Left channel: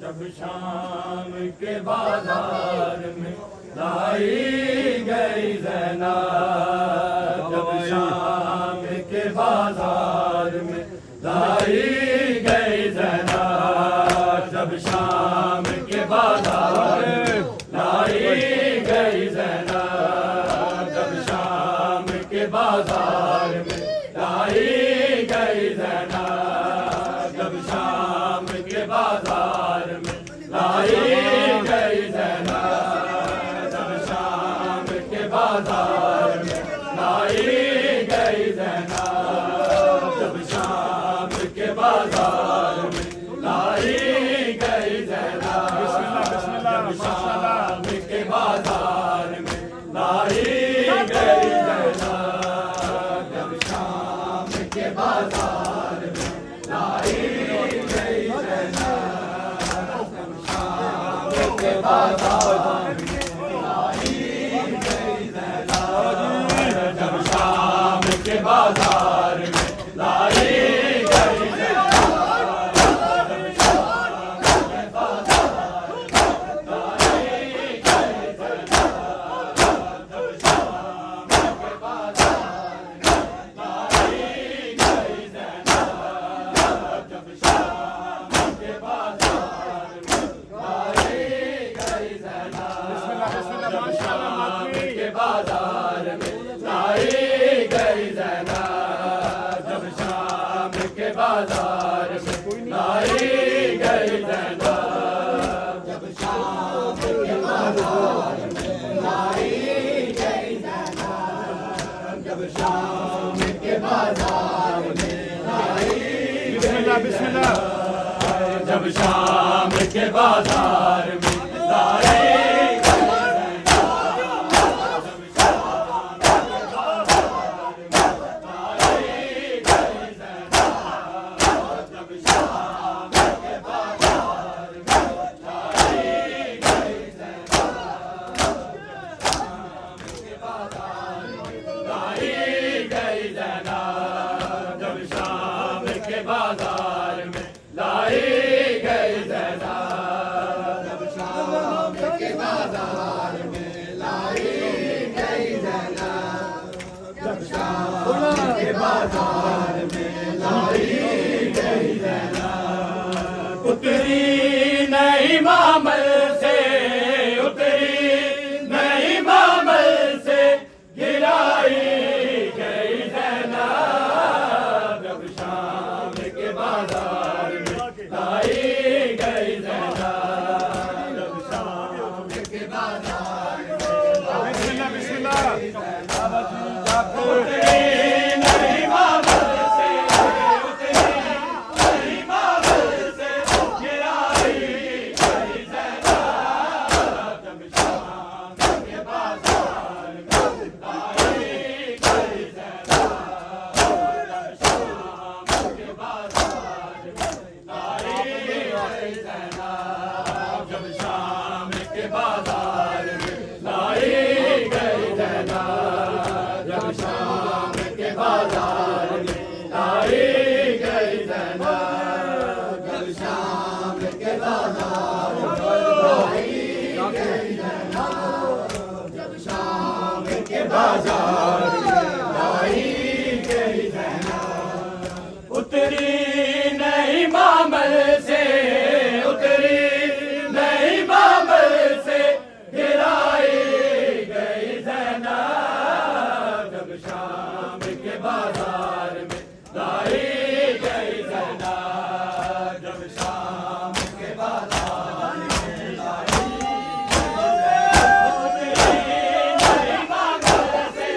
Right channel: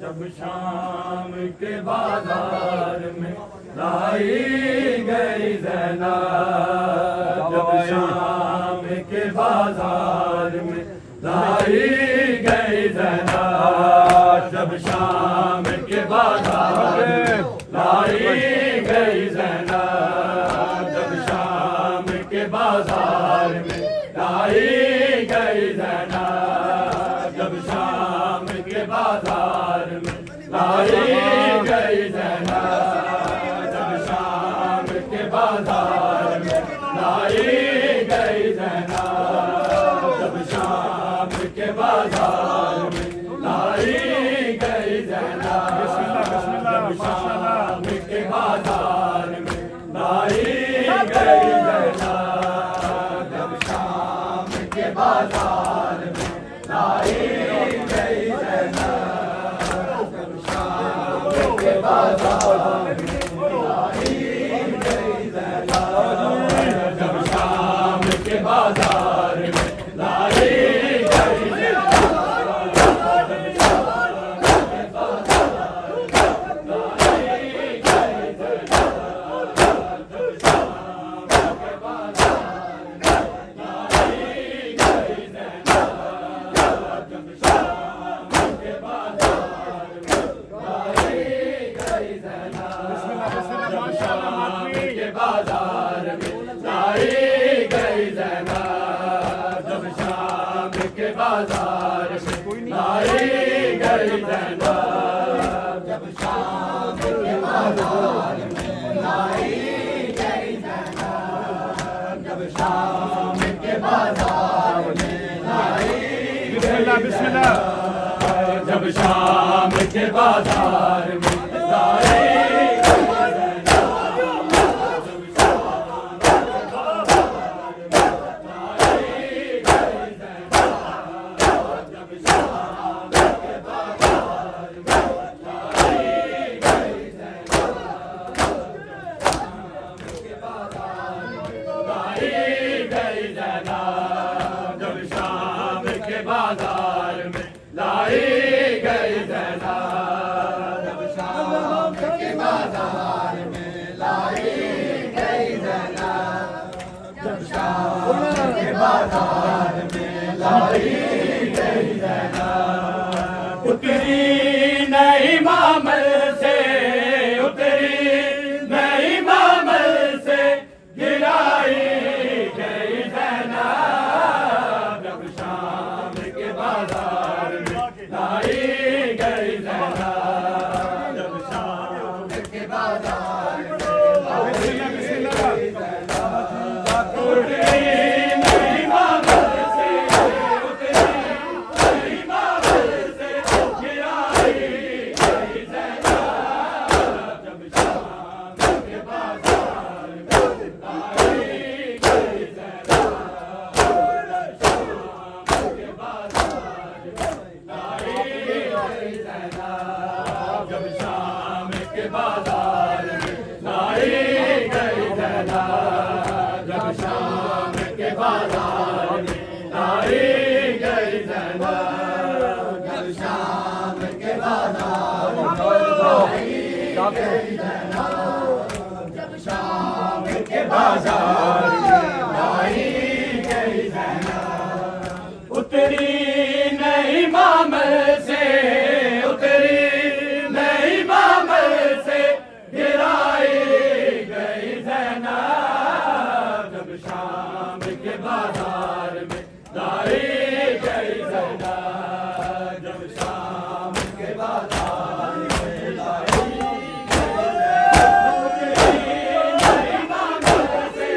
जब शाम के बाजार में लाई गई ज़ैनब, जब शाम के बाजार में लाई गई ज़ैनब, जब शाम के बाजार में लाई गई ज़ैनब, जब शाम के बाजार में लाई गई ज़ैनब, जब शाम के बाजार में लाई गई ज़ैनब, जब शाम के बाजार में लाई गई ज़ैनब, जब शाम के बाजार में लाई गई ज़ैनब, जब शाम के बाजार में लाई गई ज़ैनब, जब शाम के बाजार में लाई गई ज़ैनब, जब शाम के बाजार में लाई गई ज़ैनब, जब शाम के बाजार में लाई गई बाजार में लाई गई ज़ैनब, जब शाम के बाजार में लाई गई ज़ैनब, जब शाम के बाजार में लाई गई ज़ैनब, जब शाम के बाजार में लाई बिस्मिल्लाह बिस्मिल्लाह, जब शाम के बाजार में लाई बाजार में लाई गई जनाब। उतरी नहीं मामल से, उतरी नहीं मामल से, गिराई गई जनाब। जब शाम के बाजार में लाई गई जनाब। जब शाम के बाजार में लाई गई जनाब। उतरी नहीं मामल से, उतरी नहीं मामल से, गिराई गई जनाब। जब शाम के बाजार में लाई गई जनाब। जब शाम के बाजार में लाई गई जनाब। जब शाम के बाजार में लाई गई जनाब। जब शाम के बाजार में लाई गई जनाब। जब शाम के बाजार में लाई गई जनाब। जब शाम के बाजार में लाई गई जनाब। उतरी नहीं मामल से, उतरी नहीं मामल से, गिराई गई जनाब। जब शाम के बाजार में लाई गई जनाब। जब शाम के बाजार में लाई नहीं मामल से,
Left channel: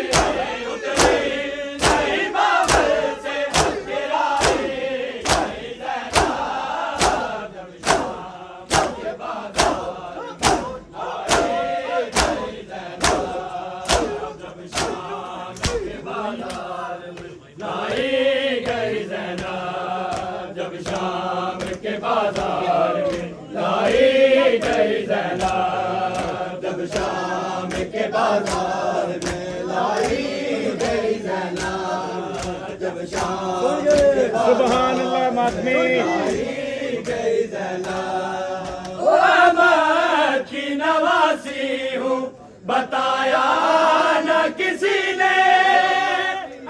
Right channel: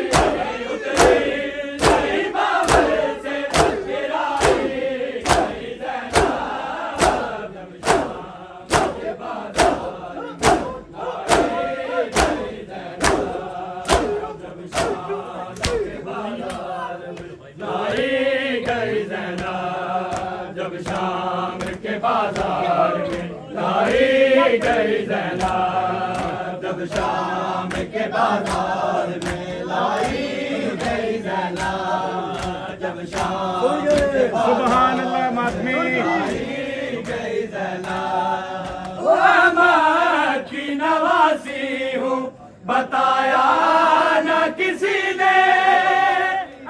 उतरी नहीं मामल से, गिराई गई जनाब। जब शाम के बाजार में लाई गई जनाब। जब शाम के बाजार में लाई गई जनाब। जब शाम के बाजार में लाई गई जनाब। जब शाम के बाजार में लाई गई जनाब। जब शाम के सुबहान अल्लाह मातमी। लाई गई जनाब। ओ अहमद की नवासी हूँ, बताया न किसी ने।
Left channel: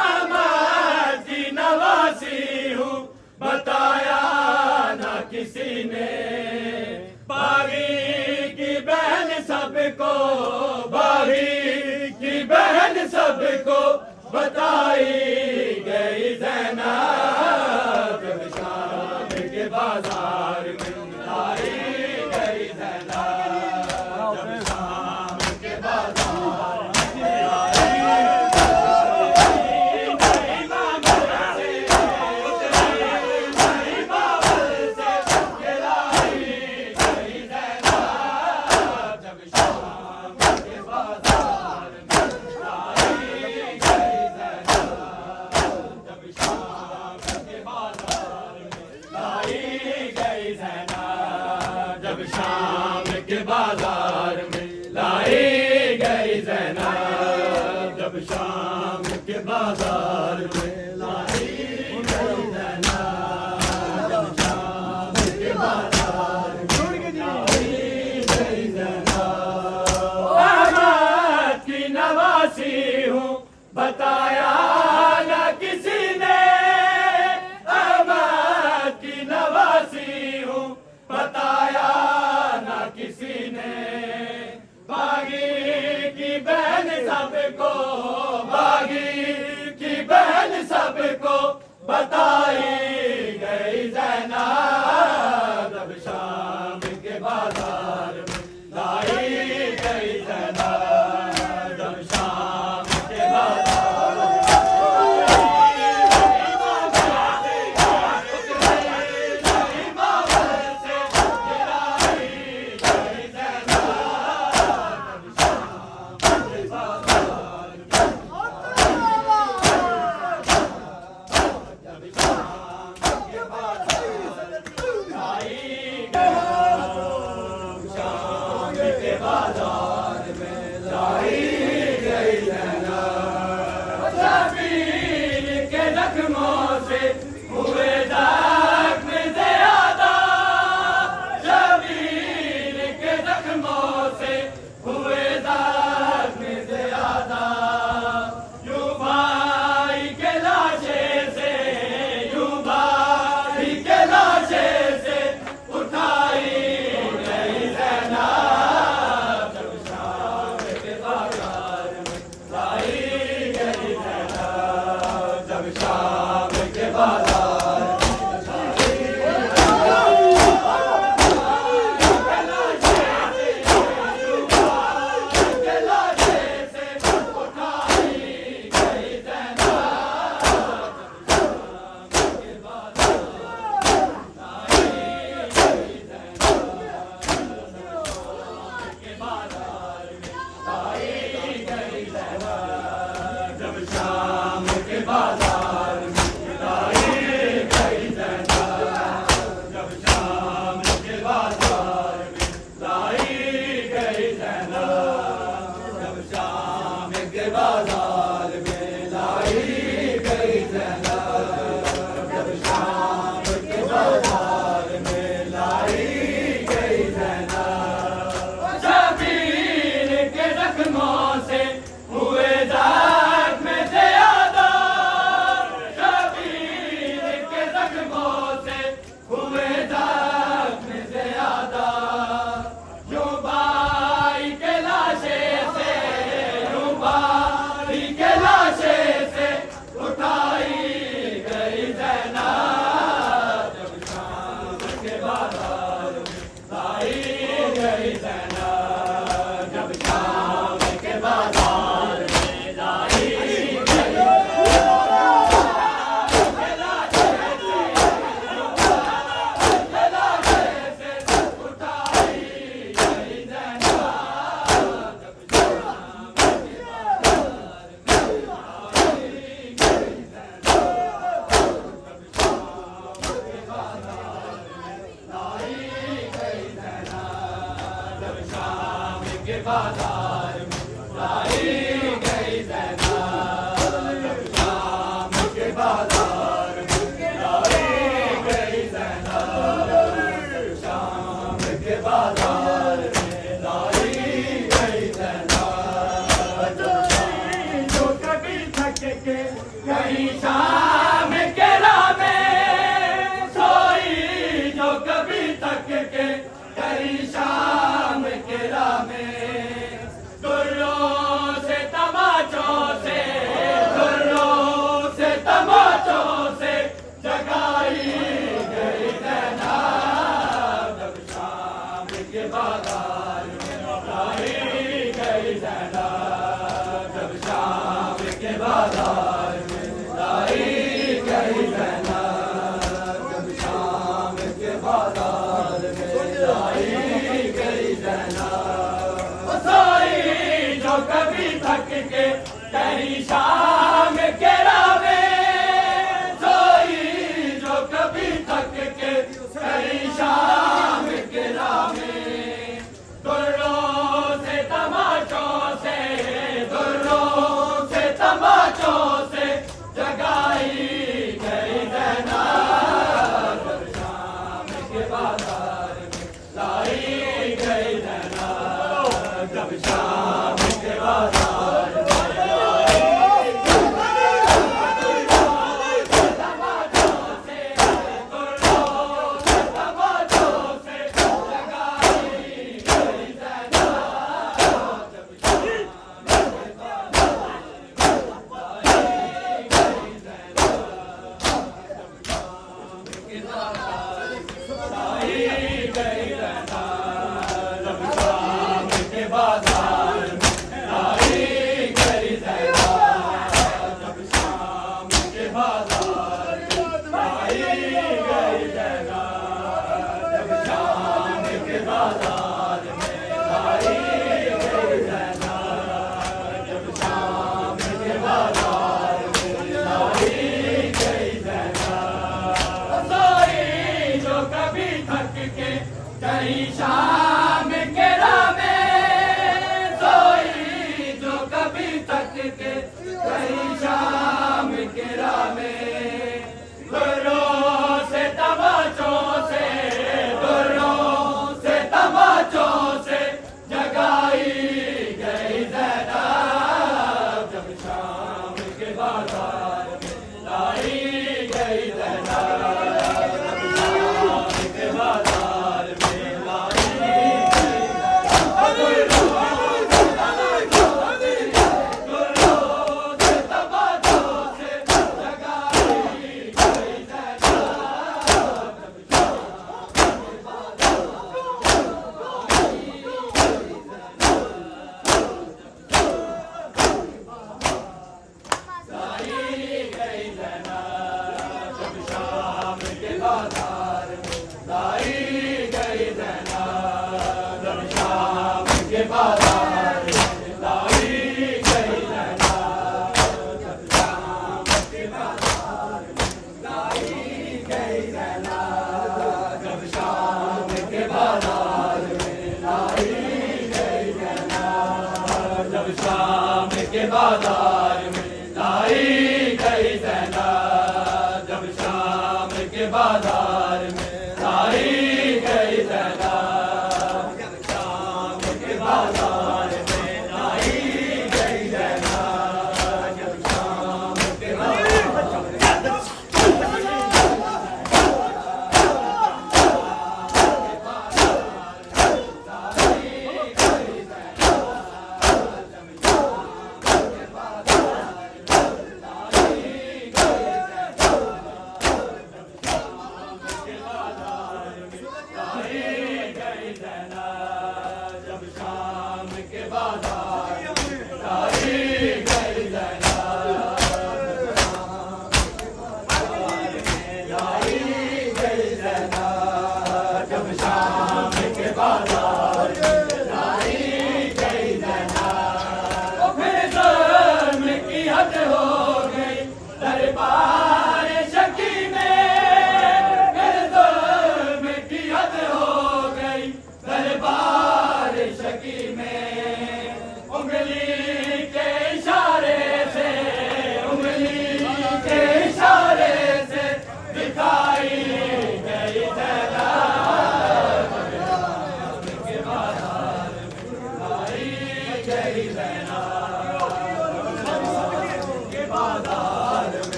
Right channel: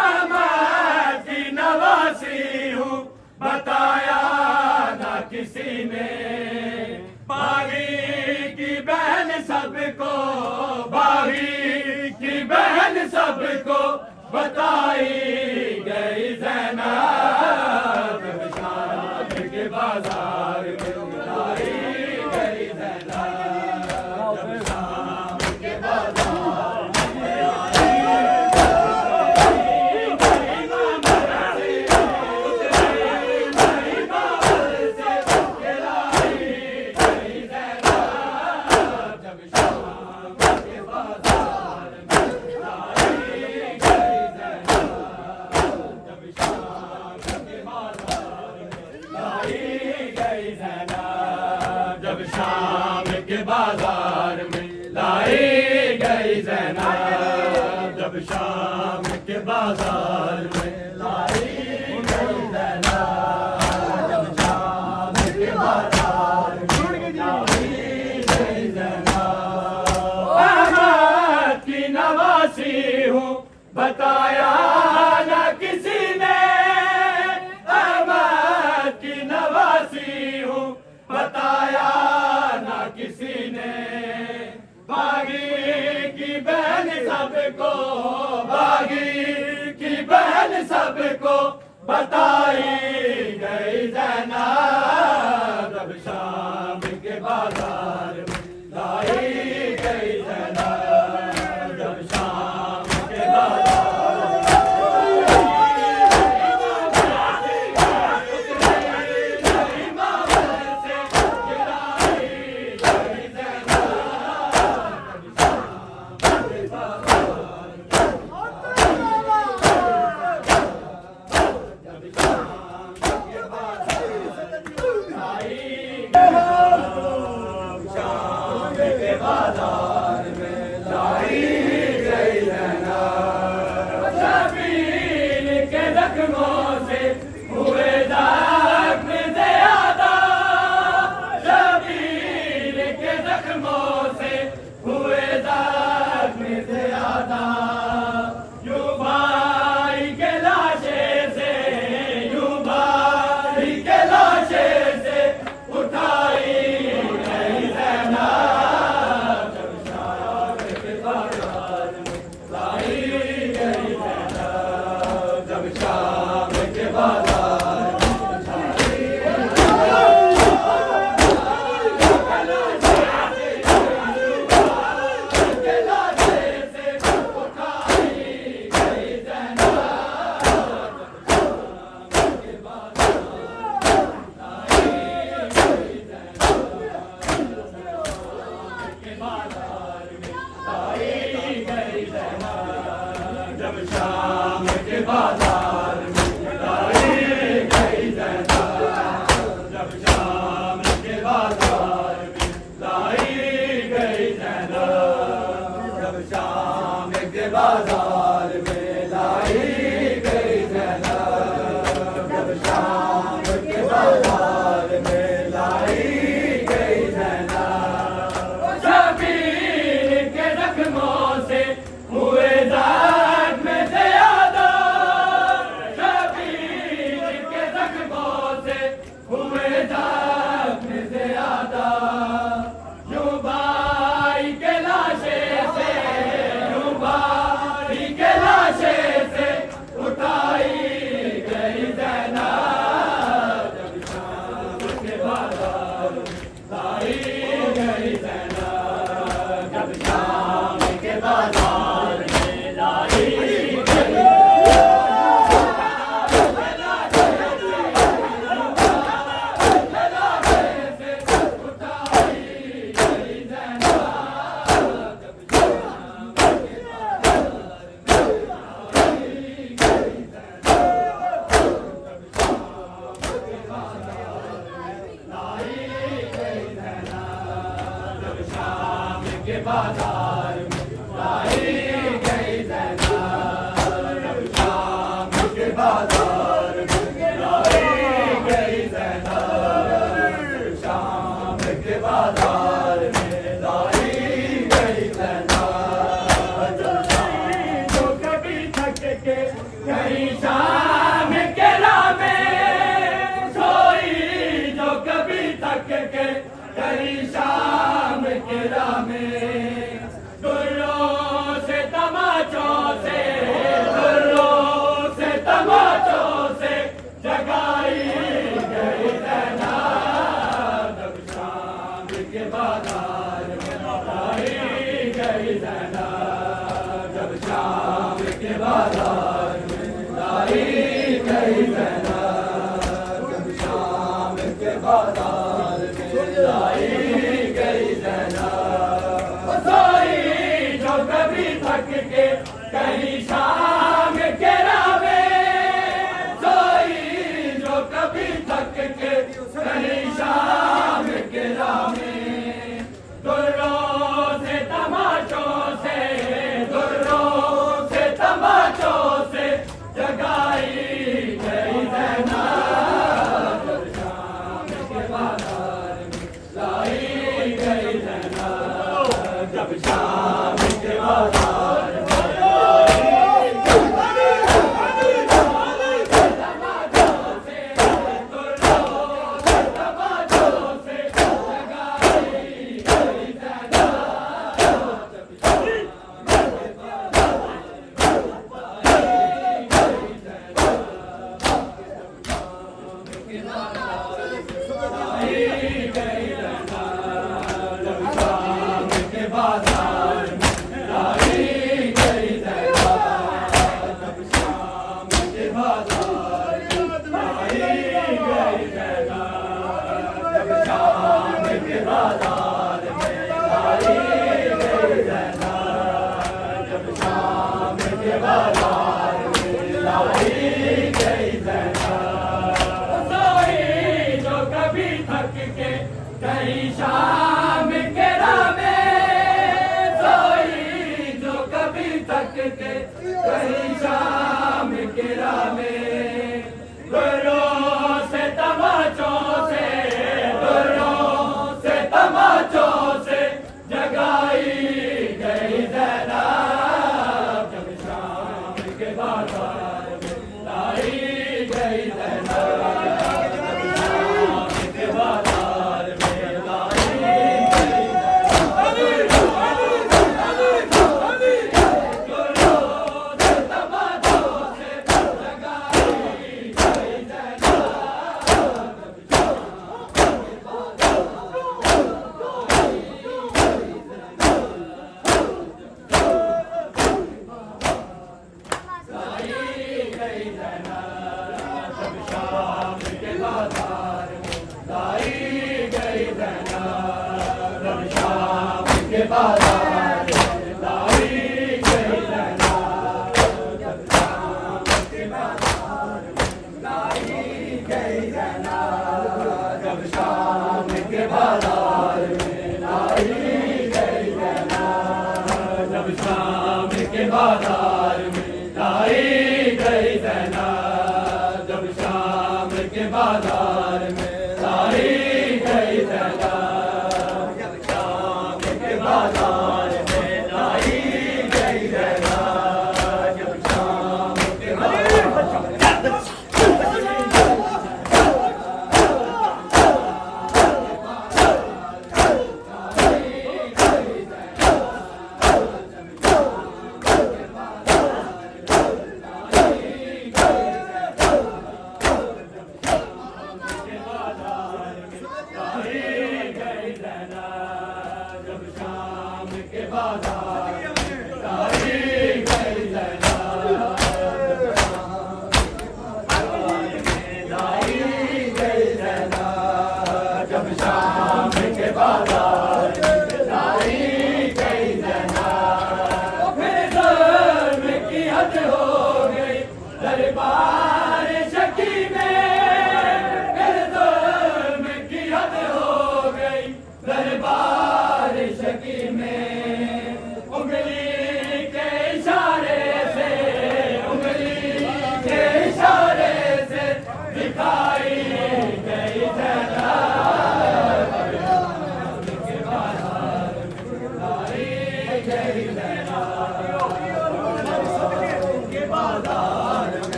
अहमद की नवासी हूँ, बताया न किसी ने। बागी की बहन सबको, बागी की बहन सबको, बताई गई जनाब। जब शाम के बाजार में लाई गई जनाब। जब शाम के बाजार जब शाम के बाजार में लाई गई जनाब। जब शाम के बाजार में लाई गई जनाब। जब शाम के बाजार में लाई गई जनाब। अहमद की नवासी हूँ, बताया न किसी ने। अहमद की नवासी हूँ, बताया न किसी ने। बागी की बहन सबको, बागी की बहन सबको, बताई गई जनाब। जब शाम के बाजार में लाई गई जनाब। जब शाम के बाजार बाजार में लाई गई ज़ैनब, जब शाम के बाजार में लाई गई ज़ैनब, जब शाम के बाजार में लाई गई ज़ैनब। शबीर के जख्मों से हुए ज़ख्म ज़्यादा, शबीर के जख्मों से हुए ज़ख्म ज़्यादा। यूं भाई के लाशे से, यूं भाई के लाशे से उठाई गई ज़ैनब, जब शाम के बाजार में लाई गई ज़ैनब, जब शाम के बाजार में लाई गई। के बाजार में लाई गई ज़ैनब, जब शाम के बाजार में लाई गई ज़ैनब, शाम के बाजार में लाई गई ज़ैनब। जो कभी थक के कहीं शाम के राह में सोई, जो कभी थक के कहीं शाम के राह में, दुर्रों से तमाचों से, दुर्रों से तमाचों से जगाई गई ज़ैनब, जब शाम के बाजार में लाई गई ज़ैनब, जब शाम के बाजार में लाई गई ज़ैनब, जब शाम के बाजार में लाई गई ज़ैनब। सोई जो कभी थक के कहीं शाम के राह में, सोई जो कभी थक के कहीं शाम के राह में, दुर्रों से तमाचों से, दुर्रों से तमाचों से जगाई गई ज़ैनब, जब शाम के बाजार में लाई गई ज़ैनब, जब शाम के बाजार में कहीं शाम के राह में, सोई जो कभी थक के कहीं शाम के राह में, दुर्रों से तमाचों से, दुर्रों से तमाचों से जगाई गई ज़ैनब, जब शाम के बाजार में लाई गई ज़ैनब, जब शाम के बाजार में लाई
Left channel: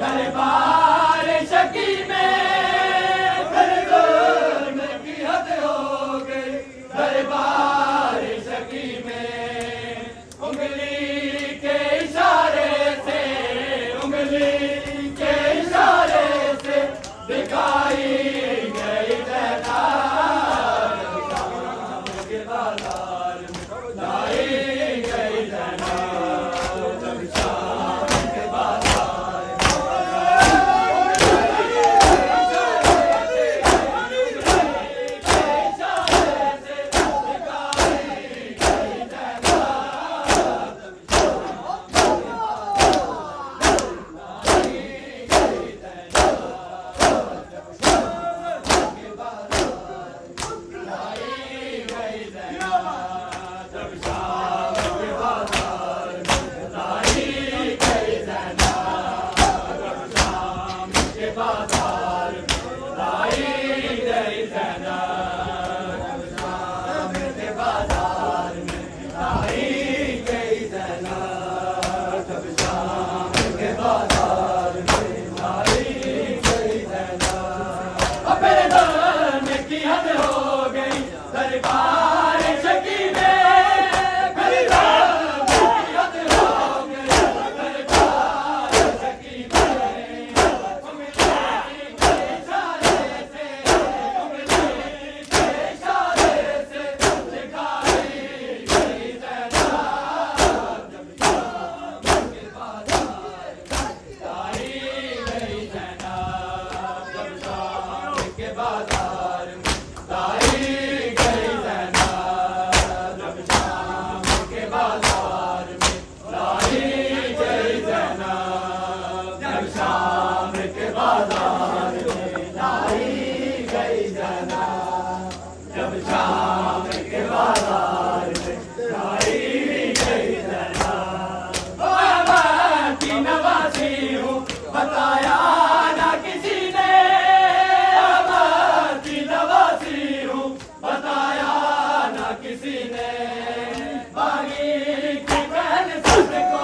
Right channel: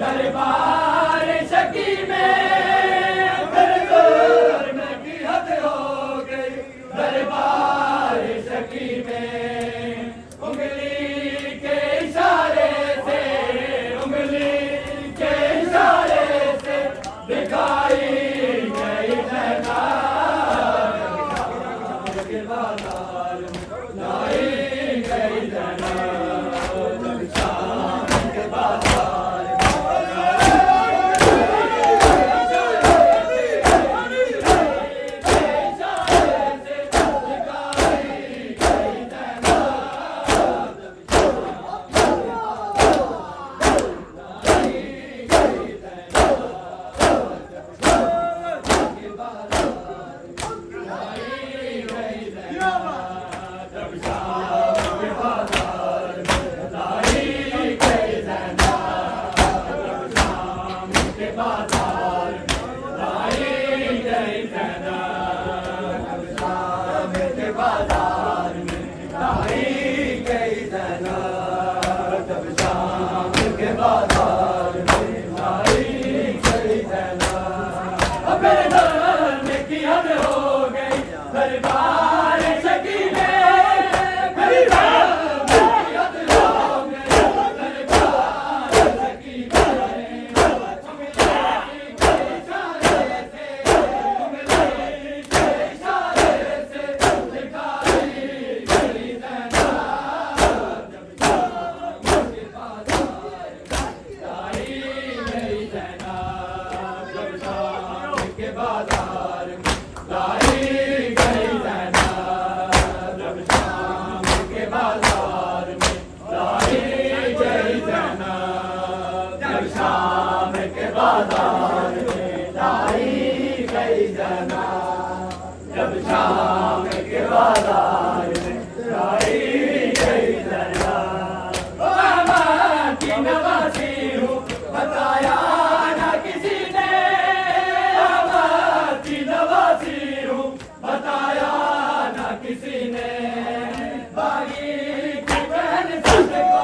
दरबार शकी में की हद हो गई, दरबार शकी में उंगली के इशारे से, उंगली के इशारे से दिखाई गई जनाब के बाजार में, लाई गई जनाब शाम के बाजार में। दरबार शकी में मेरी रात की हद हो गई, दरबार शकी में उंगली के इशारे से, उंगली के इशारे से दिखाई गई जनाब शाम के बाजार में, लाई गई जनाब शाम के बाजार में, लाई शाम के बाजार में, लाई गई जनाब जब शाम के बाजार में, लाई गई जनाब। मैं की नवासी हूँ बताया ना किसी ने, मैं की नवासी हूँ बताया ना किसी ने, बागी की बहन सबको,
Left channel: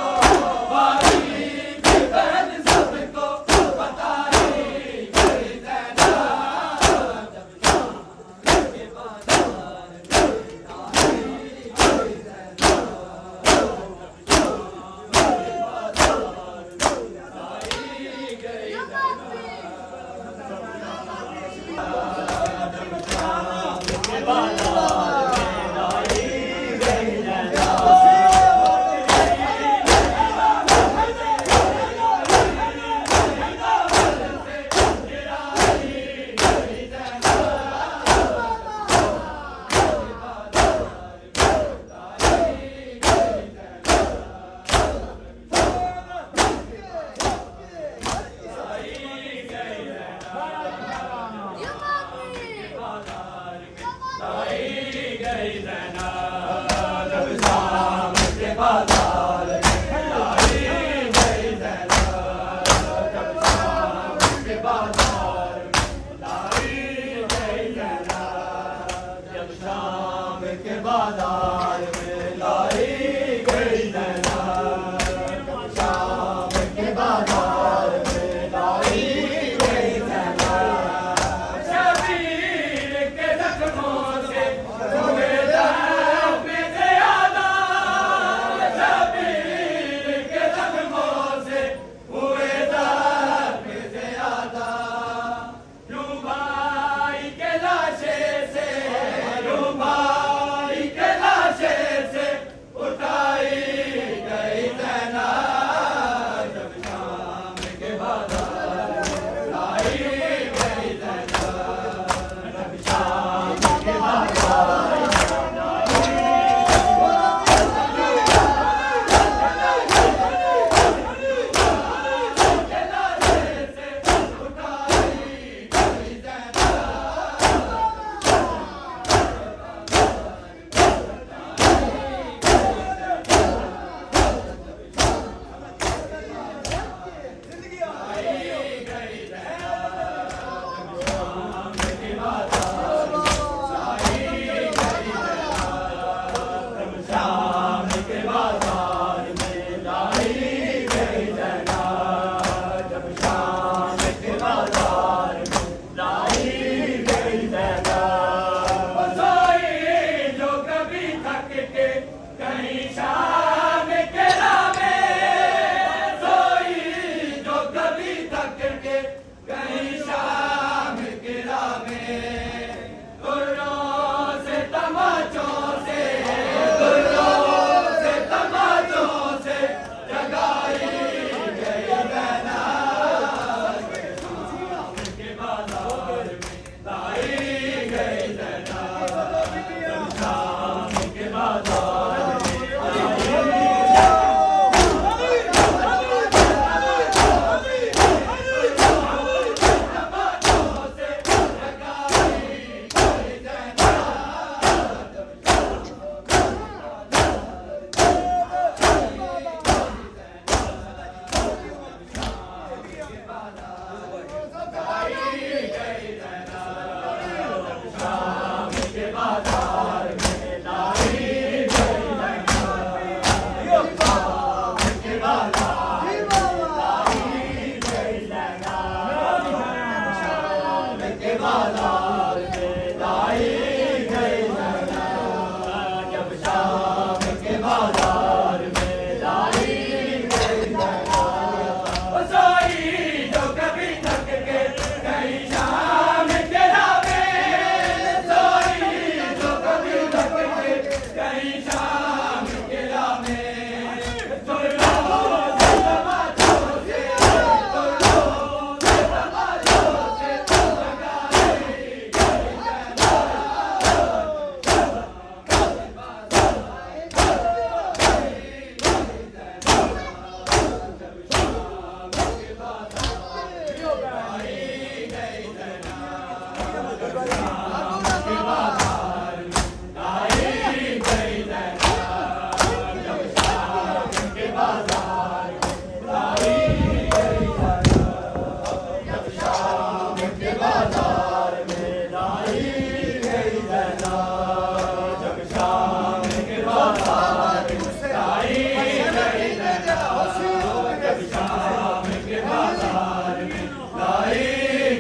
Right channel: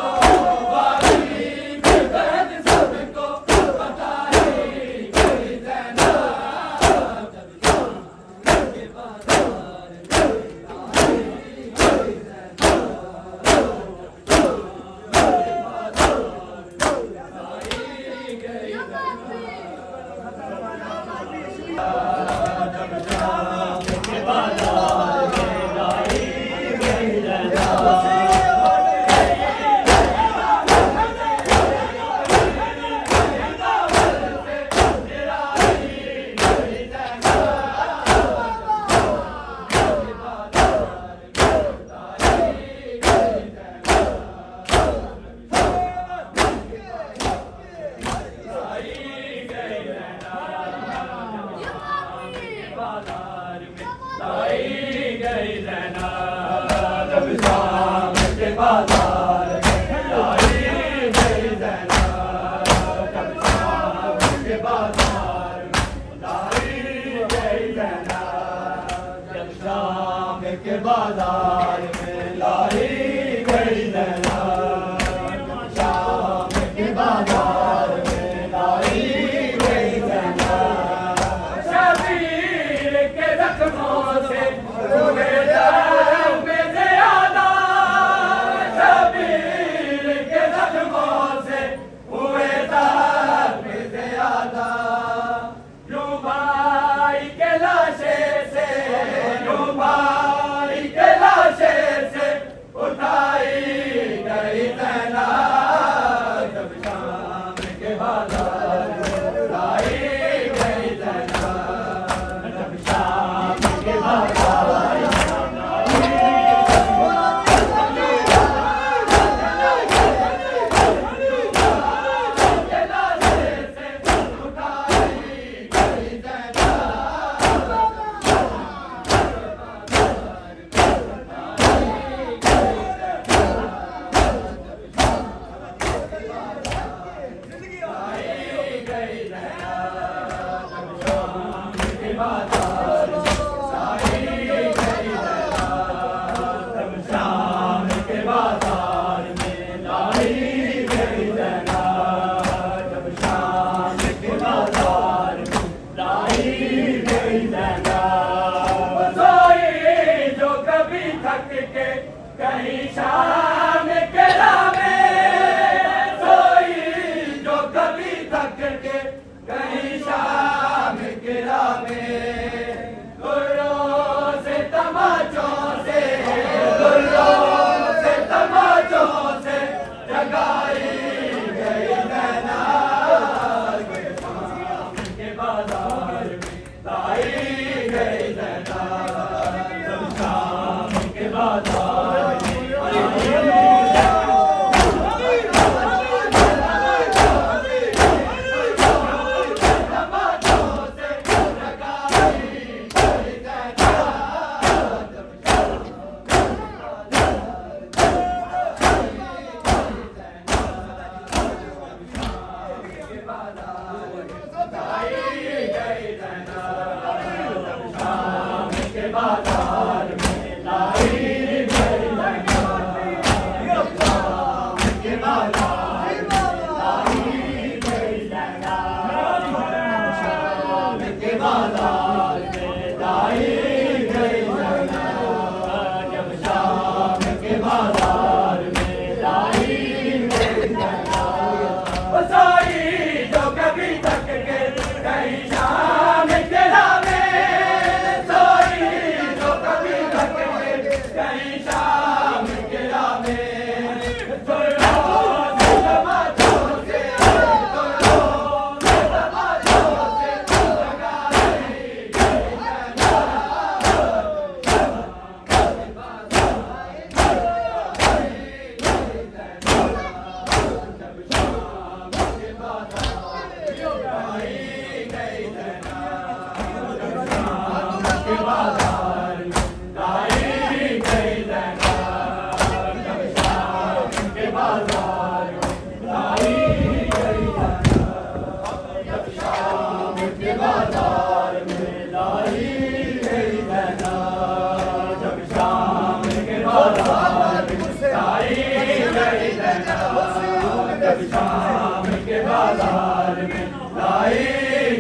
बाजार में लाई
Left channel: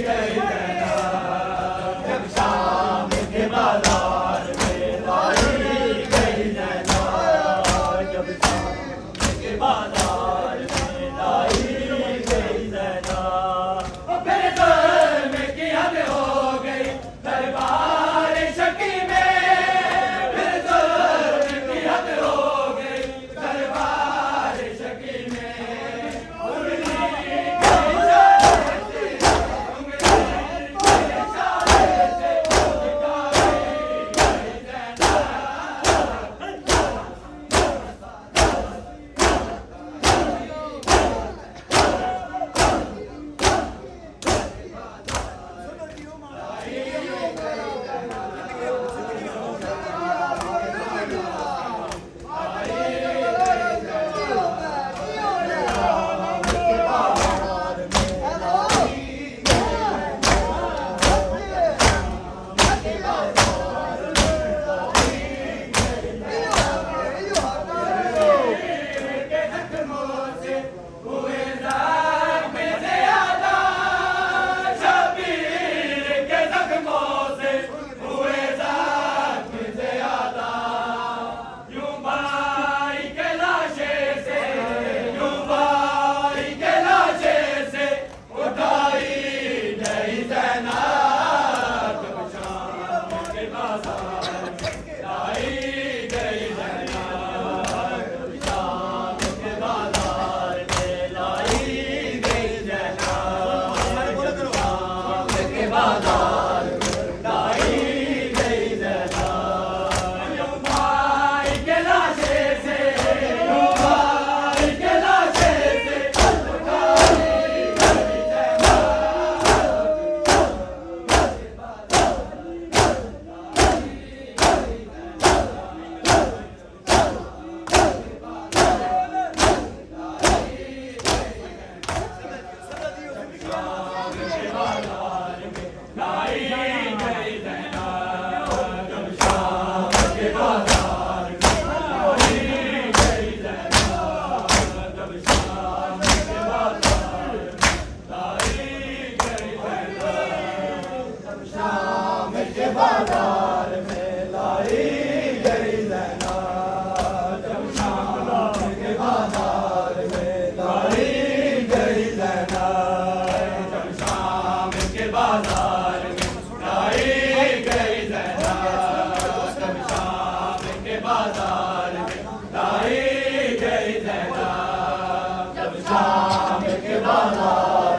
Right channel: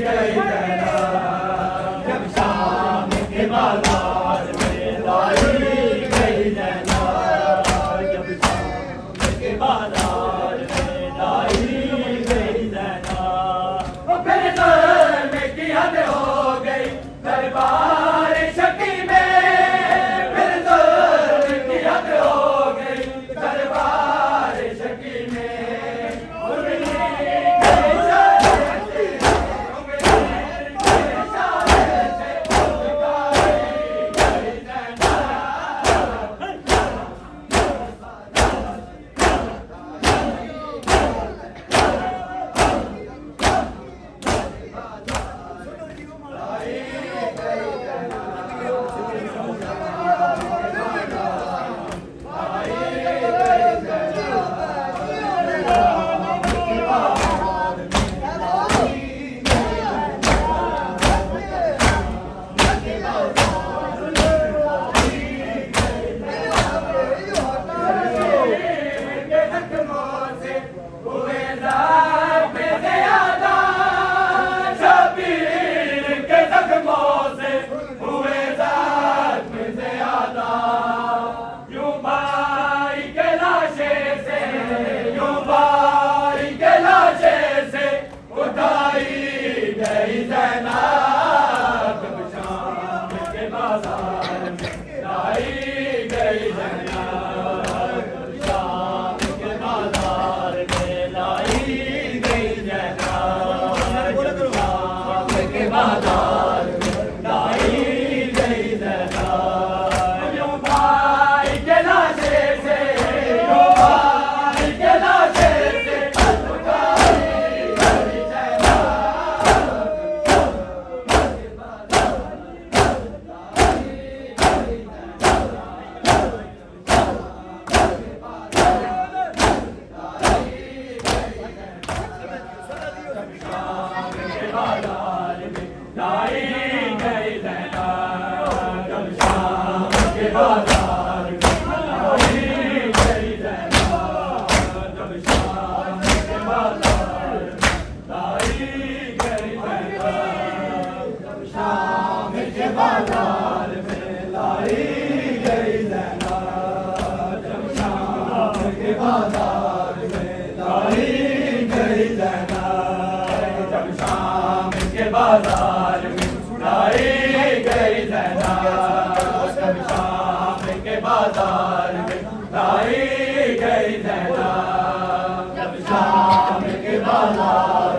गई जैना, जब शाम के बाजार में लाई गई जैना, जब शाम के बाजार में लाई गई जैना। फिर तो में की हद हो गई दरबार शकी में, फिर तो की हद हो गई दरबार शकी में। बाजार में लाई गई जैना, जब शाम के बाजार में लाई गई जैना, जब शाम के बाजार